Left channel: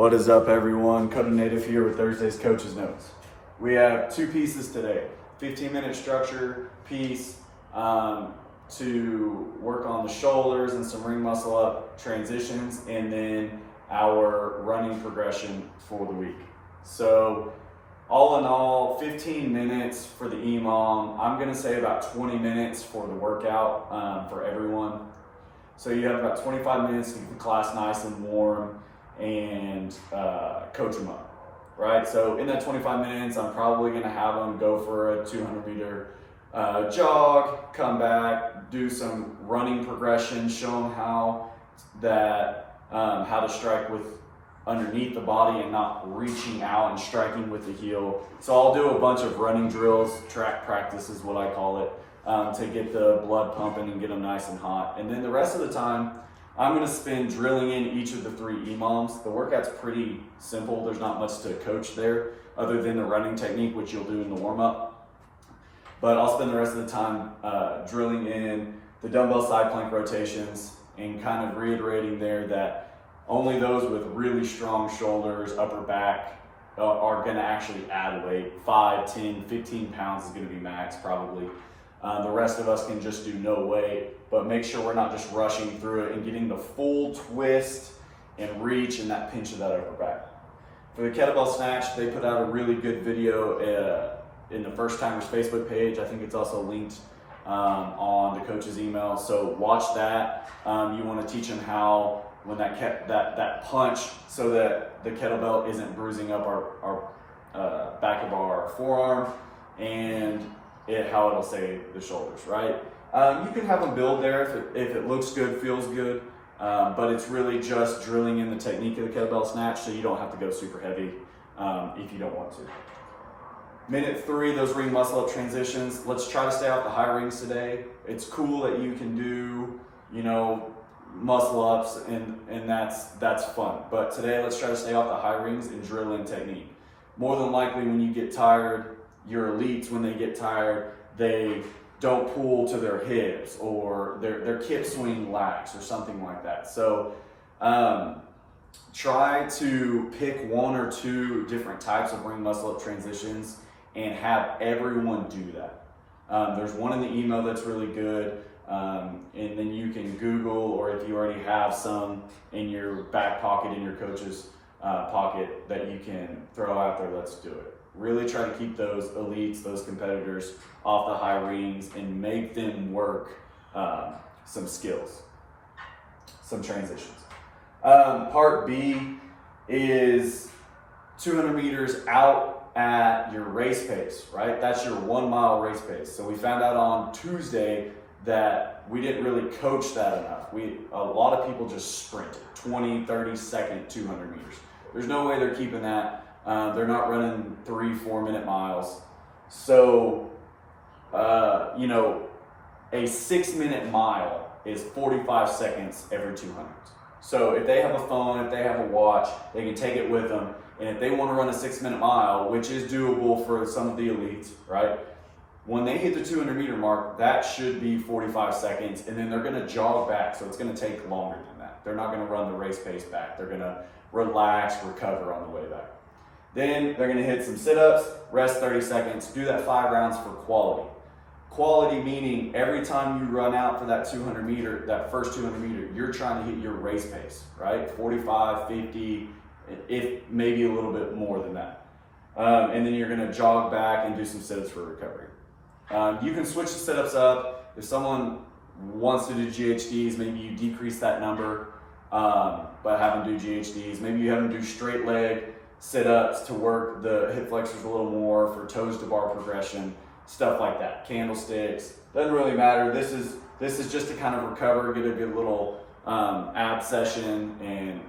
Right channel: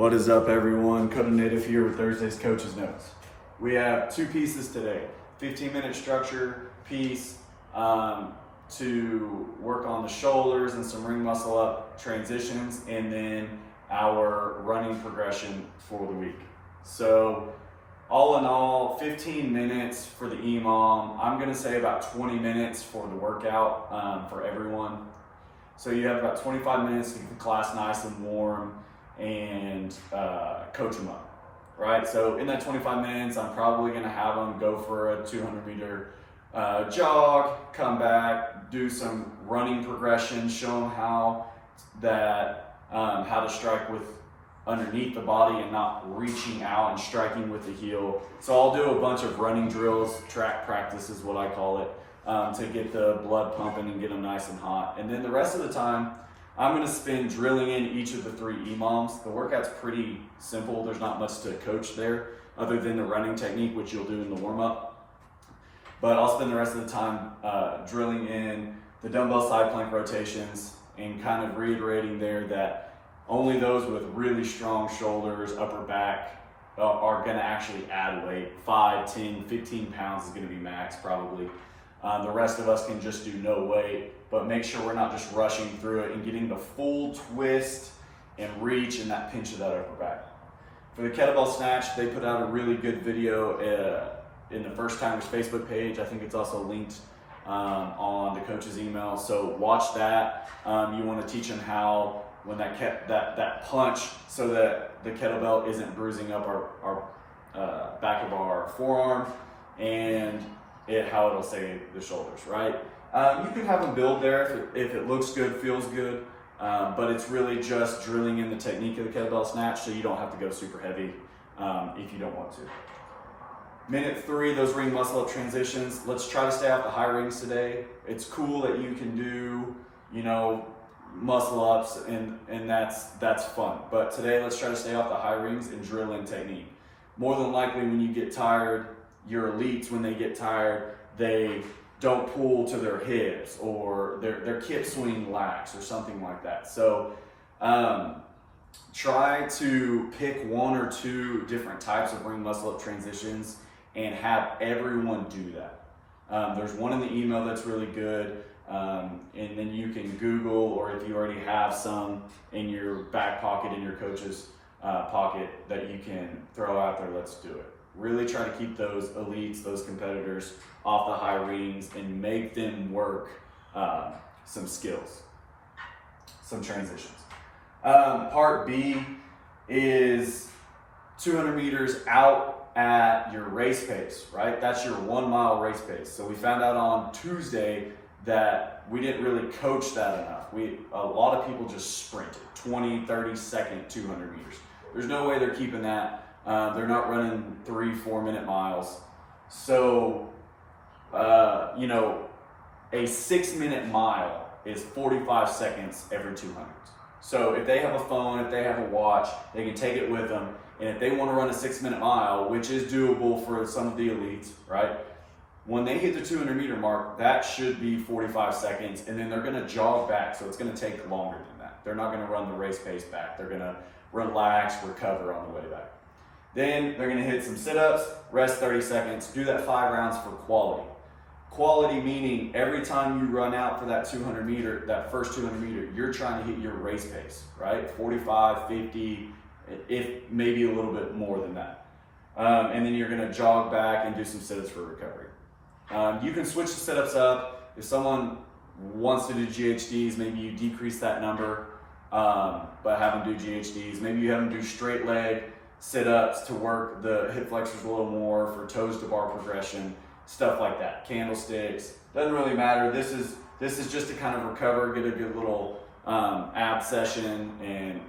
What is up, everyone? Coda Native here with Thursday's Coach's Notes. We have two pieces today. 15-minute structure piece to work on the shoulders and some ring muscle up transitions, and then our running progression for the week. So all in all, 15 minutes for the EMOM. I'm gonna say about 20 minutes for the workout for everyone. So you have about 25 minutes to get the class nice and warm and coach them up, right? So in that 25 minutes, I'm probably gonna have them go for a 200-meter jog, come back, do some running progression, show them how to strike with underneath the body and not reaching out and striking with the heel. So I'll do a bunch of running drills, track practice is what I call it, to get the blood pumping and get them nice and hot. And then the rest of the time, I'm gonna spend drilling in each of the three EMOMs. The workout's pretty simple. There's not much to coach there other than the running technique, which you'll do in the warm-up. But I'll spend the rest of the time drilling in the dumbbell side plank rotations and kind of reiterating there that only those with really strong shoulders, upper back, are gonna actually add weight. 5, 10, 15 pounds is gonna be max probably. The rest of us can just do no weight, but make sure we're not just rushing through it and getting the full twist and reach and that pinch of that upper back. For the kettlebell snatch, they put out a really good video in the First Timers Facebook page. I think it's also linked on the coach's email. So watch that. You want to teach them how when that punch, so that the kettlebell isn't bruising up our back of our forearm, and how it'll save the shoulders, right? You can have them build there if it looks good, feels good, but it's really just drilling in the technique of the kettlebell snatch, so you don't have to go super heavy if you don't want to. Minute 3, those ring muscle up transitions. Let's try to stay off the high rings today. It's cool that you can do, muscle ups and that's fun. But today, let's try to stay off the high rings and drill in technique. More than likely, when you get tired, your elites, when they get tired, they don't pull to their hips, or their kip swing lax or something like that. So try to pick 1 or 2 different types of ring muscle up transitions and have everyone do that. There's one in the email that's really good, and then you can Google, or if you already have some in your back pocket, in your coach's pocket, that you can throw out there, let's do it. Really try to keep those elites, those competitors off the high rings and make them work some skills, some transitions. Part B is 200 meters out at your race pace, right? That's your 1 mile race pace. So we found out on Tuesday that we didn't really coach that enough. A lot of people just sprinted 20, 30 second 200 meters. There's no way they're keeping that. They're not running 3-4 minute miles. So, a 6-minute mile is 45 seconds every 200. So if they have a phone, if they have a watch, they can take it with them. And if they want to run a 6-minute mile, which is doable for some of the elites, right? When they hit the 200 meter mark, that should be 45 seconds. And then they're going to jog back. So it's going to take longer than that. They're not going to run the race pace back. They're going to relax, recover on the way back. Then they're gonna hit some sit-ups, rest 30 seconds, do that 5 rounds for quality. Quality meaning every time you run out for that 200 meter, that first 200 meter, you're trying to hit your race pace, right? 45, 50, if maybe a little bit more than that. And then you're gonna jog back and do some sit-ups for recovery. You can switch the sit-ups up. If someone wants to do GHDs, maybe you decrease that number, but have them do GHDs. Maybe you have them do straight leg sit-ups to work the hip flexors a little more, for toes to bar progression, stuff like that. Candlesticks, doesn't really matter. This is just to kind of recover, get a good little ab session, and